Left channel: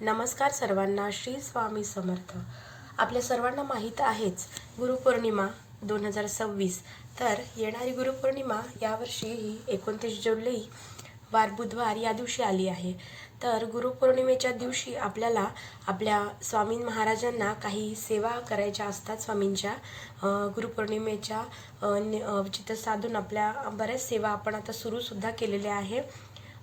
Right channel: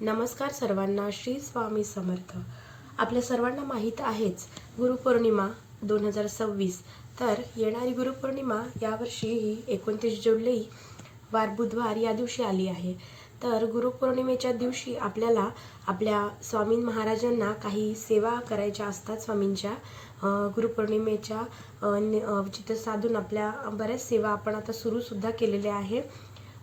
नमस्कार सर्वांना, श्री स्वामी समर्थ। आपल्या सर्वांना माहीत आहेच गुरुपौर्णिमा 2026। तर येणारी गुरुपौर्णिमा यावर्षी ही 29 जुलै वार बुधवार या दिवशी आली आहे। तर गुरुपौर्णिमेच्या दिवशी आपल्याला आपल्या स्वामी महाराजांना काही सेवा करायच्या असतात। स्वामींच्या गुरुपौर्णिमेच्या चित्त साधून आपल्या बऱ्याच सेवा आपण आता सुद्धा केलेल्या आहे।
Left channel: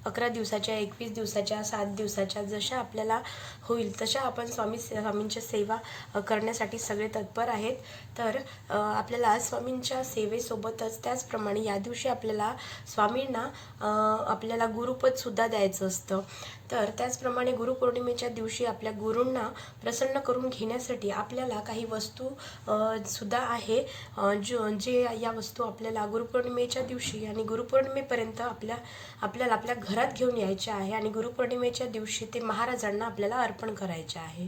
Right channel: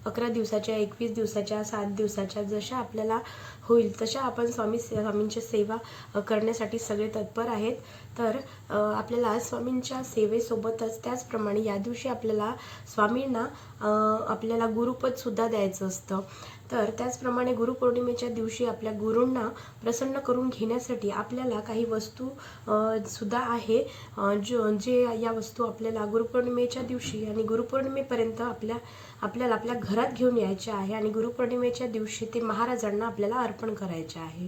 11 दिवसाच्या, 21 दिवसाच्या, 7 दिवसाच्या, जशा आपल्याला होईल तशा आपण स्वामींच्या सेवा करण्यासाठी सगळे तत्पर आहेत। तर आपल्याला स्वामींच्या सेवेसोबतच त्याचप्रमाणे या दिवशी आपल्याला स्वामींना आपल्याला गुरुपद सुद्धा द्यायचं असतं। तर त्याचप्रमाणे गुरुपौर्णिमेच्या दिवशी आपल्या गुरूंना प्रसन्न करून घेण्यासाठी आपल्याला काही वस्तू सुद्धा आहे, जे या वस्तू आपल्याला गुरुपौर्णिमेच्या दिवशी आणि गुरुपौर्णिमेपर्यंत आपल्याला आपल्या घरात घेऊन यायचे आहे आणि गुरुपौर्णिमेच्या दिवशी ते महाराजांना आपल्याला अर्पण करायचे आहे।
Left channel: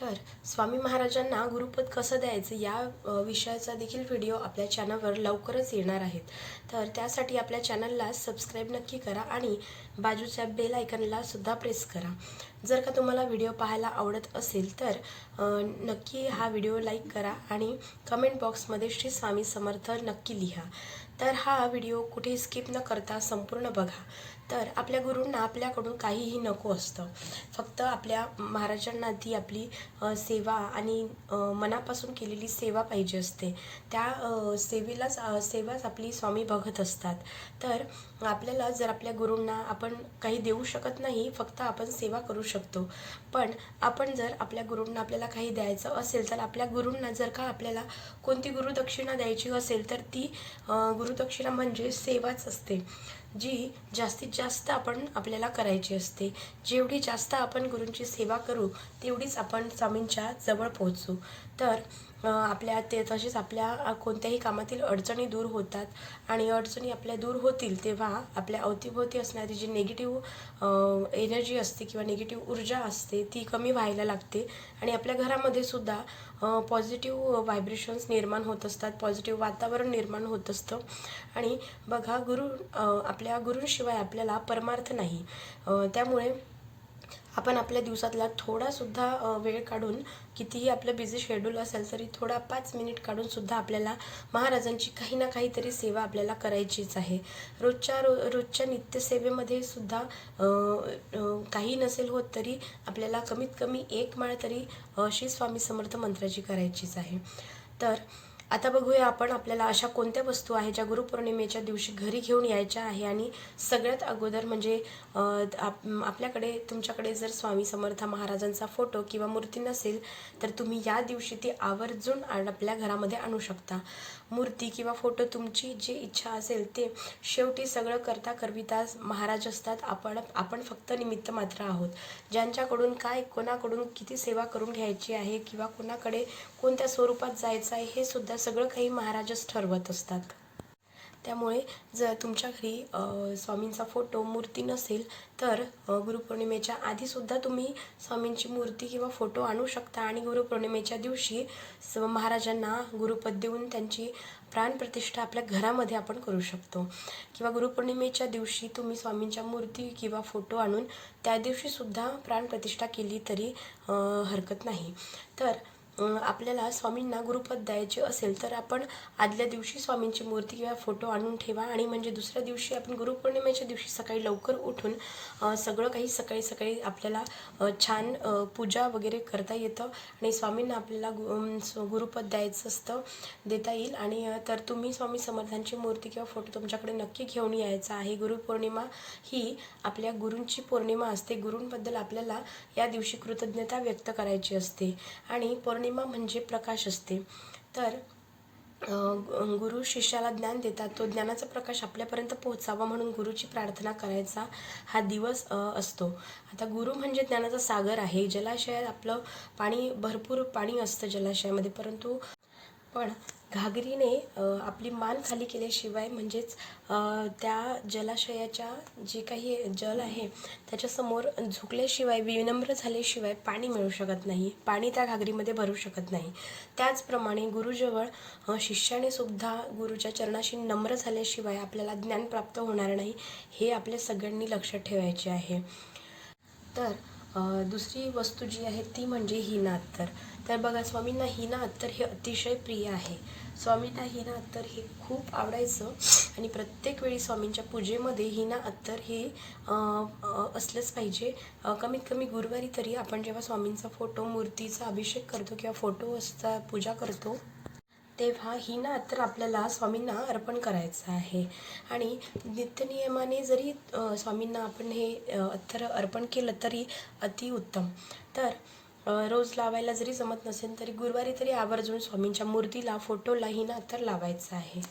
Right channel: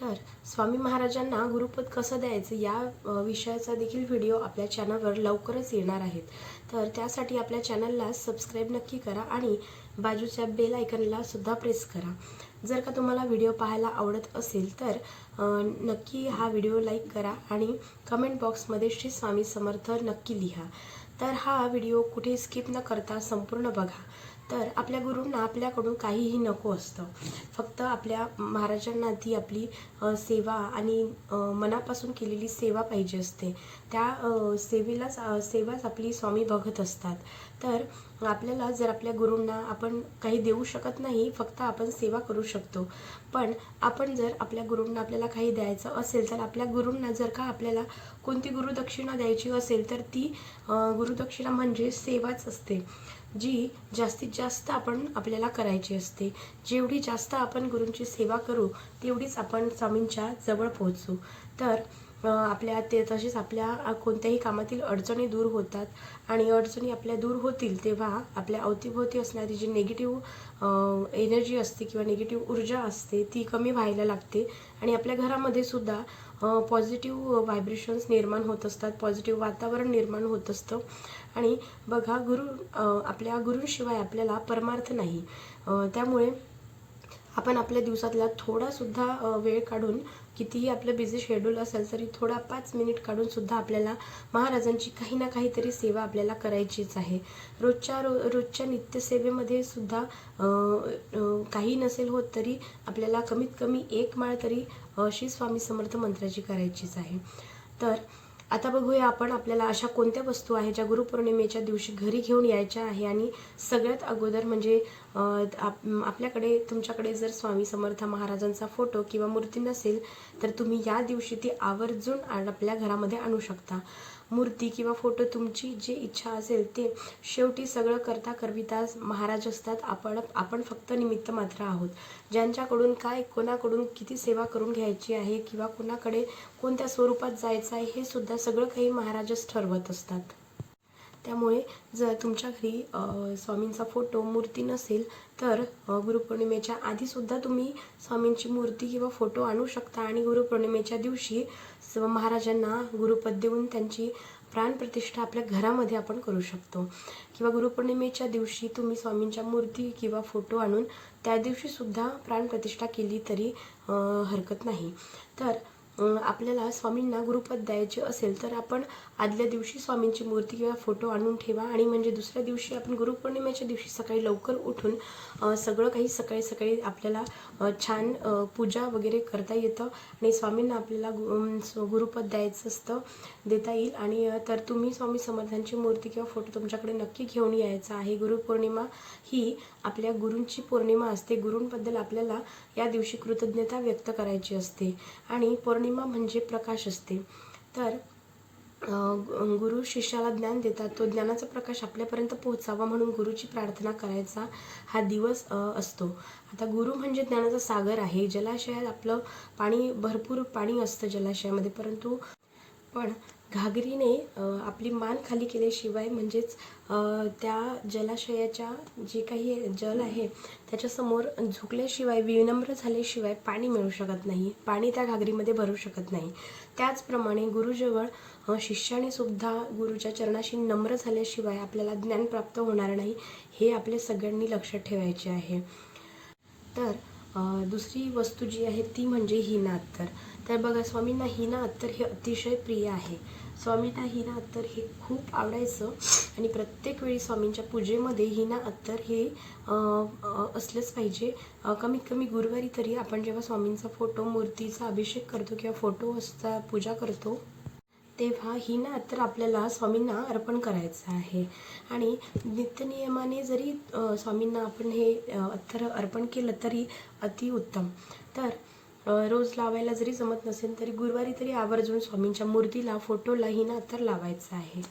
तर स्वामी महाराजांना गुरुपद कसं द्यायचं या विषयाचा देखील व्हिडिओ आपल्या चॅनलवर लवकरच येणार आहेत। तर त्यासाठी आपल्या चॅनलला सबस्क्राईब नक्की करा आणि बाजूच्या बेल आयकॉनला सुद्धा प्रेस करा। जर का तुम्हाला व्हिडिओ पाहायला आवडत असेल तर नक्की हा व्हिडिओ लाईक करा आणि कमेंट बॉक्समध्ये श्री स्वामी समर्थ नक्की लिहा। तर हा व्हिडिओ कुठे स्किप न करता संपूर्ण बघा। तर आपल्या गुरूंना आपल्याकडून काहीही नको असतं, फक्त आपल्या महाराजांना ती आपली सेवा आणि मनापासून केलेली सेवा पाहिजे असते। त्या सेवाच आपली स्वामी बघत असतात। तर आपल्याला जर आपल्या गुरूंना आपण काही देऊ शकत नाही, फक्त आपण सेवा करू शकतो। पण आपण जर आपल्या गुरूंना आपल्याला काही द्यायचं असेल तर आपल्या गुरूंना जर का आपल्याला कोणती गुरुदक्षिणा द्यायची असेल तर ती गुरुदक्षिणा म्हणजे सेवाच असते, जी जास्तीत जास्त आपल्याला करायची असते। जेवढी जास्त आपण गुरूंची सेवा करू तेवढीच आपण स्वामींच्या जवळ पोहोचू। तर तसेच आपल्या कोणत्याही कामातील अडचणी दूर होतात आणि अडचणी आपल्या दूर होतील तेव्हा आपल्या अवतीभोवती असणारी जी निगेटिव्ह एनर्जी असते किंवा निगेटिव्ह ऊर्जा असते ती कमी व्हायला लागते आणि आपल्या घरामध्ये सुद्धा पॉझिटिव्ह व्हायब्रेशन्स निर्माण होत असतात, पॉझिटिव्ह वातावरण निर्माण होत असतं। आणि बघा, आपल्या गुरूंशिवाय आपल्याला परमार्थ नाही। त्यामुळे आपण आपल्या दिवसातला थोडासुद्धा वेळ काढून, कितीही आपलं बिझी शेड्यूल असेल तरी थोडा 5 मिनिट काढून सुद्धा आपल्याला महाराजांची काही ना काहीतरी सेवा आपल्याला करायचीच आहे। रोजच्या नित्यसेवेमध्ये सुद्धा काही नसेल होत तरी आपल्याला कमीत कमी 1 माळ तरी श्री स्वामी समर्थ मंत्राची करायचीच आहे। तर आता बघूया आपण आपल्याला अशा कोणत्या वस्तू आहेत ज्या गुरुपौर्णिमेच्या दिवशी घरी घेऊन यायच्या आहे। आणि सगळ्यात अगोदर म्हणजे तुमच्याकडे जर स्वामी समर्थ महाराजांचा फोटो किंवा मूर्ती नसेल तर तुम्ही या दिवशी ती आवर्जून आपल्या घरामध्ये आणू शकता। मूर्ती किंवा फोटो तुमची जी इच्छा असेल ते, शेवटी सगळं करता करविता महाराज असतात, आपण फक्त निमित्त मात्र आहोत। ज्यांच्याकडून कोणाकडून किती सेवा करून घ्यायची आहे किंवा कोणाकडे कोणत्या स्वरूपात जायचं आहे हे सुद्धा सगळं काही महाराजच ठरवत असतात। त्यामुळे जर तुमच्या घरी स्वामींचा फोटो मूर्ती नसेल तर गुरुपौर्णिमेच्या आधीसुद्धा तुम्ही स्वामींची मूर्ती किंवा फोटो आणू शकता आणि गुरुपौर्णिमेच्या दिवशी महाराजांना गुरुपद देऊन त्यांची प्राणप्रतिष्ठा आपल्या घरामध्ये आपण करू शकतो। किंवा गुरुपौर्णिमेच्या दिवशी तुम्ही स्वामींच्या मूर्ती किंवा फोटो आणून त्या दिवशीसुद्धा प्राणप्रतिष्ठा केली तरी हरकत नाही। तर आपल्याला स्वामींना गुरुपद द्यायचे असेल तर आपण आदल्या दिवशी स्वामींची मूर्ती किंवा फोटो आणून ठेवा आणि म्हणजे दुसऱ्या दिवशी आपण गुरुपौर्णिमेच्या दिवशी सकाळी लवकर उठून सगळं काही सकाळी आपल्याला छान पूजा वगैरे करता येतं आणि स्वामींना आपल्याला गुरुपद द्यायचं असतं, देता येईल। आणि तर तुम्ही स्वामी समर्थांची मूर्ती किंवा फोटो तुमच्याकडे नक्की घेऊन यायचा आहे। गुरुपौर्णिमा ही आपल्या गुरूंची पौर्णिमा असते। गुरूंबद्दल आपल्याला या दिवशी कृतज्ञता व्यक्त करायची असते आणि पौर्णिमा म्हणजे प्रकाश असते। तर गुरु शिष्याला ज्ञान देतात, तो ज्ञानाचा प्रकाश आपल्यापर्यंत पोहोचावा म्हणून गुरुची प्रार्थना करायचा हा दिवस असतो। आता गुरु म्हणजे ज्ञानाचा सागर आहे। जलाशयात आपलं भरपूर पाणी असतं जलाशयामध्ये, परंतु घागरीने आपली मान खाली केल्याशिवाय म्हणजेच त्या जलाशयाच्या जे काही जल आहे त्याच्यासमोर झुकल्याशिवाय, विनम्र झाल्याशिवाय पाणी मिळू शकत नाही, पाणी त्या घागरीमध्ये भरू शकत नाही। त्याचप्रमाणे गुरुजवळ शिष्याने सुद्धा गुरुच्या चरणाशी नम्र झाल्याशिवाय आपल्याला ज्ञान प्राप्त होणार नाही, हे आपल्या सगळ्यांनी लक्षात ठेवायचे आहे। तर दुसरी वस्तू जी आहे ती म्हणजे हिना अत्तर. तर बघा, स्वामींना हिना अत्तर हे अतिशय प्रिय आहे. स्वामींना हिना अत्तर हे खूप आवडायचं आणि प्रत्येक वेळी स्वामींच्या पूजेमध्ये हिना अत्तर हे असलंच पाहिजे. कमीत कमी गुरुवारी तरी आपण जेव्हा स्वामींचा फोटो, मूर्तीचा अभिषेक करतो किंवा फोटोचा पूजा करतो तेव्हा हिना अत्तर आपल्याला स्वामींना अर्पण करायचं आहे. आणि नित्यनियमाने जरी स्वामींना आपण हे अत्तर अर्पण केलं तरी अतिउत्तम. तर रोज लावायला जरी जमत नसेल तरी गुरुवारी तरी आवर्जून स्वामींच्या मूर्तीला, फोटोला हिना अत्तर लावायचं आहे.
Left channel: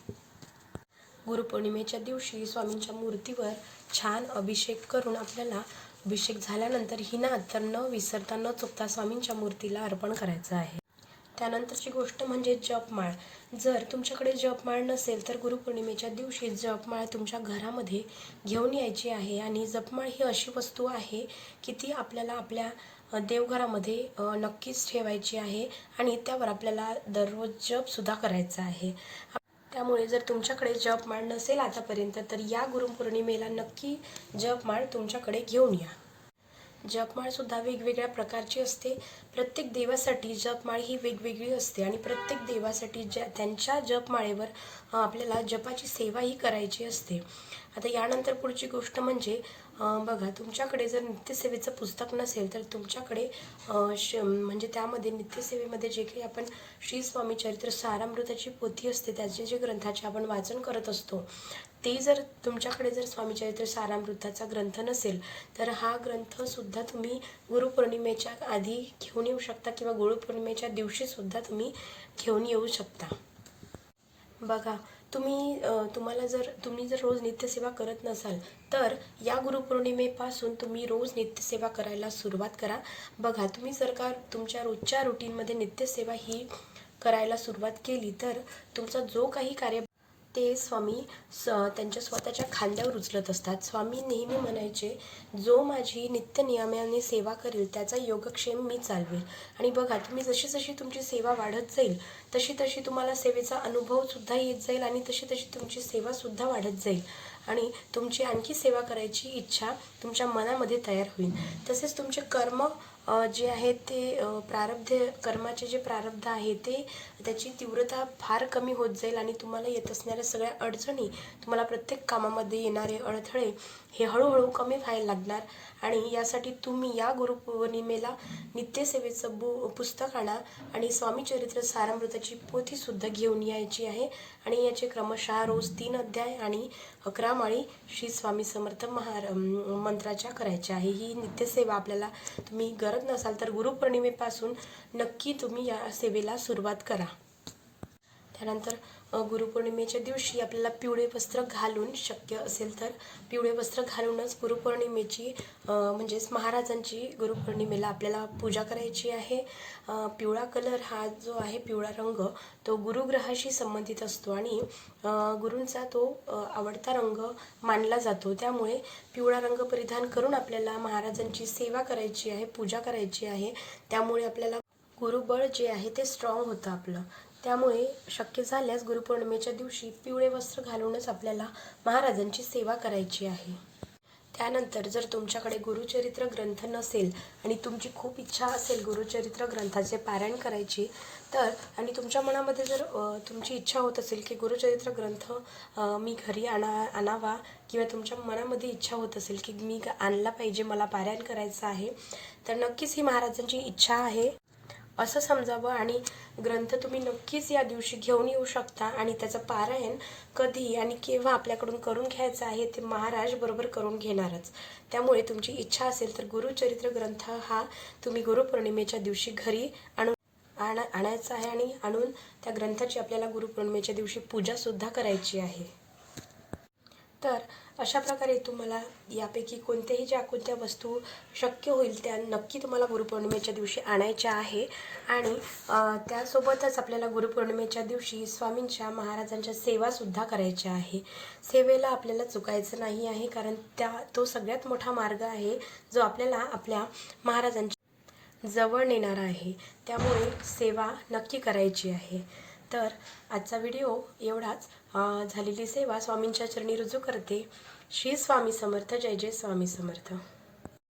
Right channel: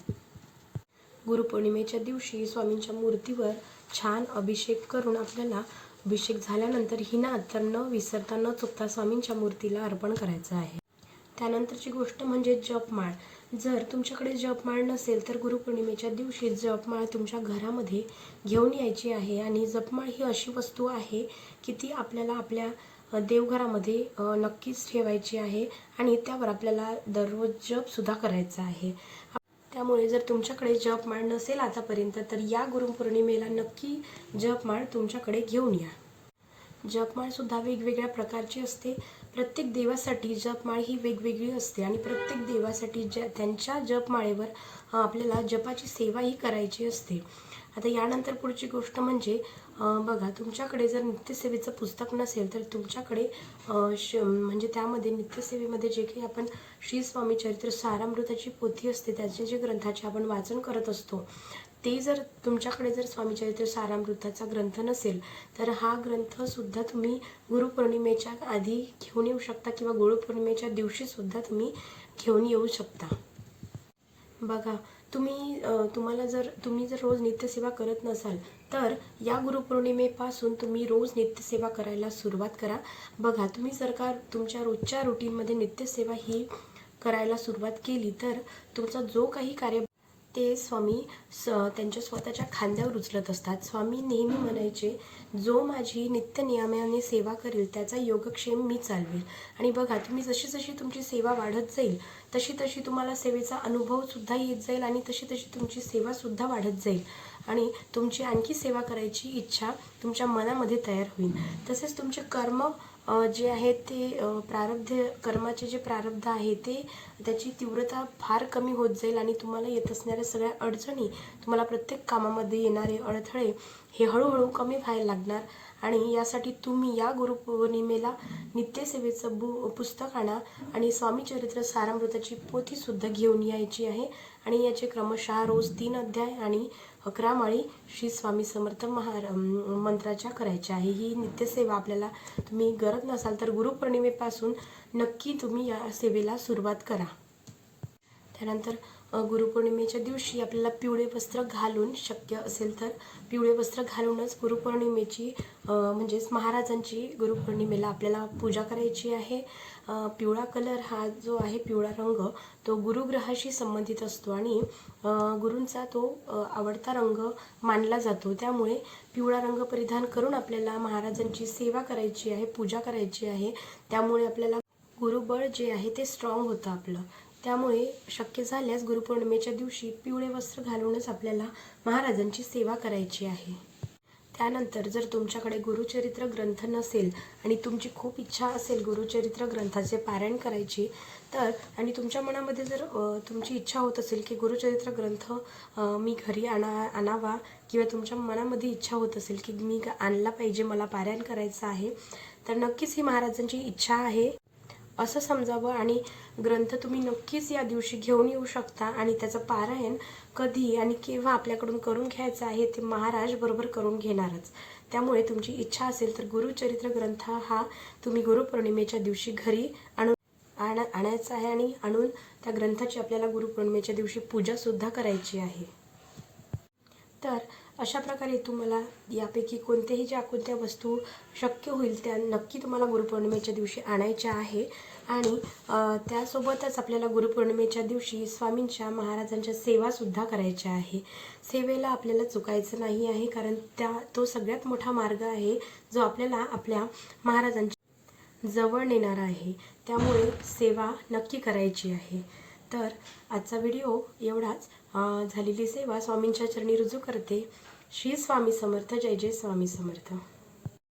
गुरुपौर्णिमेच्या दिवशी स्वामींच्या मूर्तीवर छान अभिषेक करून आपल्याला अभिषेक झाल्यानंतर हिना अत्तर न विसरता न चुकता स्वामींच्या मूर्तीला अर्पण करायचं आहे. त्यानंतरची गोष्ट म्हणजे जपमाळ. जर तुमच्याकडे जपमाळ नसेल तर गुरुपौर्णिमेच्या दिवशी जपमाळ तुमच्या घरामध्ये घेऊन यायची आहे. आणि जपमाळ ही अशी वस्तू आहे की ती आपल्याला आपल्या देवघरामध्ये नक्कीच ठेवायची आहे आणि त्यावर आपल्याला दररोज जपसुद्धा करायचा आहे. त्यामुळे जर तुमच्याकडे जपमाळ नसेल आतापर्यंत तर या गुरुपौर्णिमेला नक्की जपमाळ तुमच्याकडे घेऊन या. जपमाळसुद्धा वेगवेगळ्या प्रकारची असते. प्रत्येक देवासाठी जपमाळ ही वेगवेगळी असते आणि प्रत्येक देवासाठी त्यांच्या जपमाळेवर आपल्याला जपाची सेवाही करायची असते. आता यानंतर पुढची गोष्ट म्हणजे बघा, तुमच्याकडे जर नित्यसेवेचं पुस्तक नसेल तर तुमच्याकडे म्हणजे त्यामध्ये नित्यसेवेमध्ये जे काही आपण श्री स्वामी चरित्र सारामृताची पोथी असते, त्याचे जे ग्रंथाचे आपण वाचन करत असतो, ते जर तुमच्याकडे जर स्वामी चरित्र सारामृताचा ग्रंथ नसेल तर हा ग्रंथसुद्धा तुम्ही गुरुपौर्णिमेच्या आधी घेऊन येऊ शकता किंवा गुरुपौर्णिमेच्या दिवशीसुद्धा तुम्ही घेऊन येऊ शकता. बघा, तुम्ही जर रोज नित्यसेवा करत नसाल तर या गुरुपौर्णिमेपासून तुम्ही रोज नित्यसेवा करायला सुरुवात करा. बघा, तुम्ही जर का तुमच्या रोजच्या रुटीनमध्ये नित्यसेवा ही करायला सुरुवात केली तर तुमचा जो काही कार्य ते स्वामी त्यांच्या स्वतःच्या खांद्यावर उचलत असतात. स्वामी नेहमी म्हणायचे, जो माझी नित्यनियमाने सेवा करेल त्याचा योगक्षेम मी चालवेल. आणि बघा, तुम्ही जशी जशी तुमची सेवा वाढत जाईल तशी तशी तुम्हाला सेवेचा अनुभवसुद्धा येत जाईल आणि तशी तशी तुमची सेवासुद्धा वाढत जाईल आणि तुमची आणखी सेवा करायची इच्छा तुमच्या मनामध्ये तयार होईल. तसेच तुमचे कर्म जे आहेत ते कर्माचे जे प्रारब्ध आहे ते त्याची तीव्रता फार कमी होत जाईल आणि तुम्हाला येत असणाऱ्या सगळ्या अडचणी, तुम्हाला प्रत्येक कामामध्ये येणारे अडथळे हे हळूहळू कमी व्हायला लागणार. आणि यासाठी तुम्ही या गुरुपौर्णिमेला नित्यसेवेचं पुस्तक आणा आणि स्वामी चरित्र सारामृताची पोथीसुद्धा घेऊन यायची आहे. आणि याचे क्रमशः रोज 3 अध्याय आणि 11 माळी श्री स्वामी समर्थ मंत्राच्या करायच्या आहे. ही नित्यसेवा आपल्याला तुम्ही करत नसाल तर गुरुपौर्णिमेपासून नक्की तुम्ही या सेवेला सुरुवात करा. त्यानंतर गुरुपौर्णिमेच्या दिवशी आपल्याला पिवळे वस्त्र घालून, शक्य असेल तर पिवळे वस्त्र घालूनच गुरुपौर्णिमेची म्हणजेच महाराजांची गुरुपौर्णिमेला आपल्याला पूजा करायची आहे. पिवळा कलर हा जो आहे, पिवळा रंग, तो गुरुग्रहाशी संबंधित असतो आणि गुरूंचा तो आवडता रंग मानला जातो. त्यामुळे पिवळा रंग परिधान करून आपल्याला महाराजांची सेवा करायची आहे, पूजा करायची आहे. त्यामुळे आपल्याला गुरुबळ जे आहे ते स्ट्रॉंग होतं आपलं. त्यामुळे शक्य झाल्यास गुरुपौर्णिमेच्या दिवशी पिवळे वस्त्र घालूनच आपल्याला महाराजांची सेवा करायची आहे. त्यानंतर जर तुमच्याकडे गुरुचरित्र ग्रंथ नसेल आणि तुमची खूप इच्छा असेल गुरुचरित्र ग्रंथाचे पारायण करायची तर, आणि तुमच्या मनामध्ये जर तुमची इच्छा होत असेल की गुरुचरित्र ग्रंथ मी घरी आणावा किंवा तुमच्या मनामध्ये इच्छा होत असेल की मी आणला पाहिजे, मला पारायण करायचं आहे, तर नक्कीच ही महाराजांची इच्छा आहे असं समजावं आणि ग्रंथ तुम्ही नक्कीच या दिवशी घेऊन येऊ शकता. आणि त्याचं पारायण कधी आणि केव्हा आपल्याकडून करून घ्यायचं आहे ते महाराज बरोबर करून घेणारच. त्यामुळे तुमची इच्छा असेल तर गुरुचरित्र ग्रंथ हा तुम्ही गुरुपौर्णिमेच्या दिवशी घरी आणायचा आहे आणि आणून त्या ग्रंथाची आपल्याला गुरुपौर्णिमेच्या दिवशी पूजासुद्धा करायची आहे. तर अशा प्रकारे तुम्हाला यापैकी कोणत्या वस्तू शक्य होईल त्या नक्की तुम्हाला गुरुपौर्णिमेच्या दिवशी आणायच्या आहे. आणि त्यासोबतच आपल्याला गुरुपौर्णिमेच्या दिवशी स्वामींच्या महाराजांच्या सेवासुद्धा करायच्या आहे. सेवेला आपल्याला चुकायचं नाही आहे, कारण तो सगळ्यात मोठा मार्ग आहे जो आपल्याला आपल्या महाराजांच्या जवळ नेणारा आहे. त्यामुळे सेवा नक्की करायची आहे. तर आजचा व्हिडिओ एवढाच. झालेली सेवा स्वामींच्या चरणी रुजू करते. श्री स्वामी समर्थ. जय जय स्वामी समर्थ.